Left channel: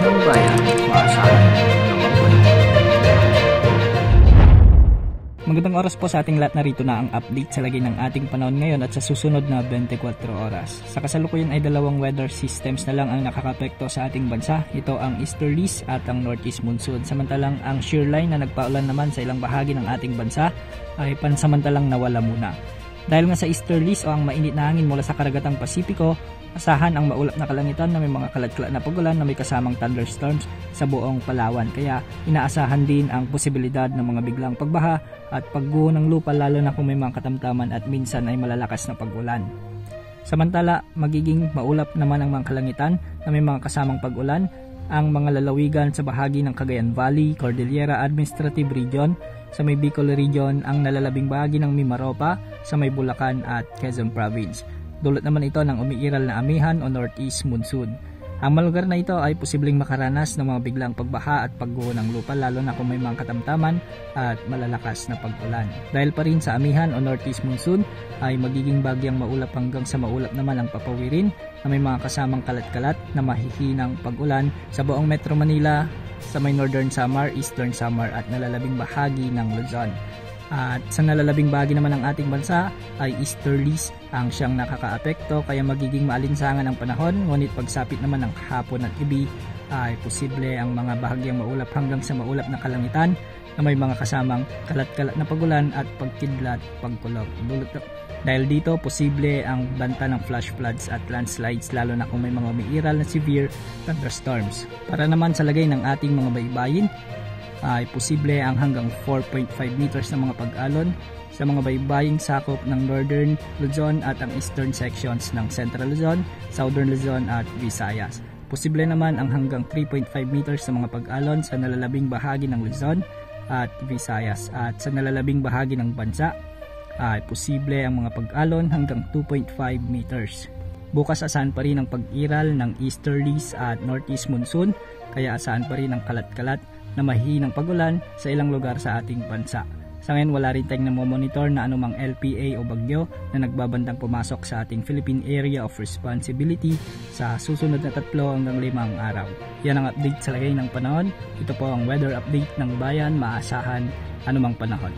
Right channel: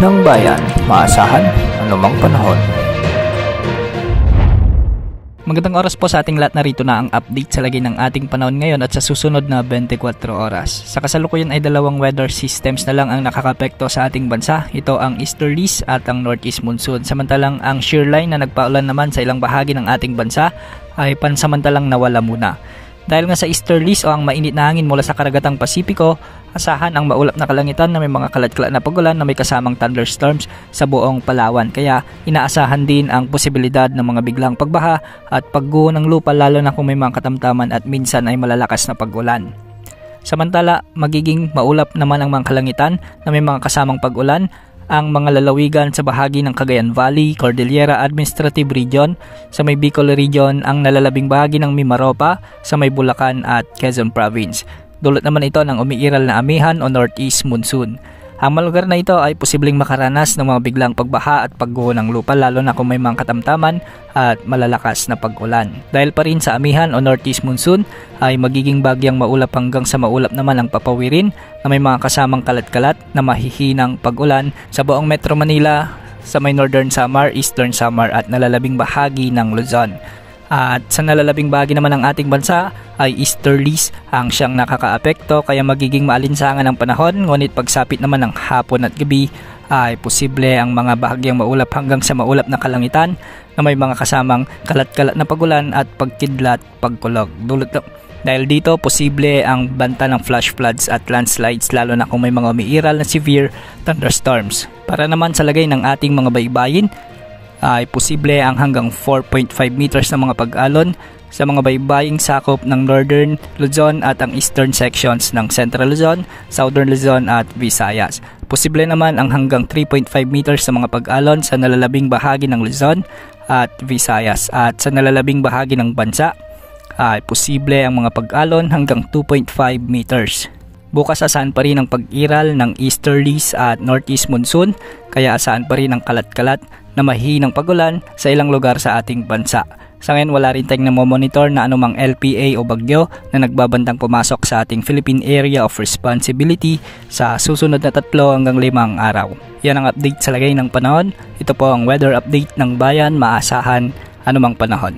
ng bayan, maasahan anumang panahon. Magandang oras po sa ating lahat, narito na ang update sa lagay ng ating panahon ngayon at sa susunod na 24 oras. Sa kasalukuyan ay dalawang weather systems na lang ang nakakapekto sa ating bansa. Ito ang easterlies at ang northeast monsoon. Samantalang ang shear line na nagpaulan naman sa ilang bahagi ng ating bansa ay pansamantalang nawala muna. Dahil nga sa easterlies o ang mainit na hangin mula sa karagatang Pasipiko, asahan ang maulap na kalangitan na may mga kalat-kalat na pagulan na may kasamang thunderstorms sa buong Palawan. Kaya inaasahan din ang posibilidad ng mga biglang pagbaha at pagguho ng lupa, lalo na kung may mga katamtaman at minsan ay malalakas na pagulan. Samantala, magiging maulap naman ang mga kalangitan na may mga kasamang pagulan ang mga lalawigan sa bahagi ng Cagayan Valley, Cordillera Administrative Region, sa may Bicol Region, ang nalalabing bahagi ng Mimaropa, sa may Bulacan at Quezon Province. Dulot naman ito ng umiiral na amihan o northeast monsoon. Ang mga lugar na ito ay posibleng makaranas ng mga biglang pagbaha at pagguho ng lupa, lalo na kung may mga katamtaman at malalakas na pag-ulan. Dahil pa rin sa amihan o northeast monsoon ay magiging bagyang maulap hanggang sa maulap naman ang papawirin na may mga kasamang kalat-kalat na mahihinang pag-ulan sa buong Metro Manila, sa may Northern Samar, Eastern Samar at nalalabing bahagi ng Luzon. At sa nalalabing bahagi naman ng ating bansa ay easterlies ang siyang nakakaapekto, kaya magiging maalinsangan ang panahon, ngunit pagsapit naman ng hapon at gabi ay posible ang mga bahagyang maulap hanggang sa maulap na kalangitan na may mga kasamang kalat-kalat na pagulan at pagkidlat, pagkulog. Dahil dito, posible ang banta ng flash floods at landslides, lalo na kung may mga umiiral na severe thunderstorms. Para naman sa lagay ng ating mga baybayin, ay posible ang hanggang 4.5 meters na mga pag-alon sa mga baybaying sakop ng Northern Luzon at ang eastern sections ng Central Luzon, Southern Luzon at Visayas. Posible naman ang hanggang 3.5 meters sa mga pag-alon sa nalalabing bahagi ng Luzon at Visayas, at sa nalalabing bahagi ng bansa ay posible ang mga pag-alon hanggang 2.5 meters. Bukas asahan pa rin ang pag-iral ng easterlies at northeast monsoon, kaya asahan pa rin ang kalat-kalat na mahihinang pagulan sa ilang lugar sa ating bansa. Sa ngayon, wala rin tayong namomonitor na anumang LPA o bagyo na nagbabandang pumasok sa ating Philippine Area of Responsibility sa susunod na 3 hanggang 5 araw. Yan ang update sa lagay ng panahon. Ito po ang weather update ng bayan, maasahan anumang panahon.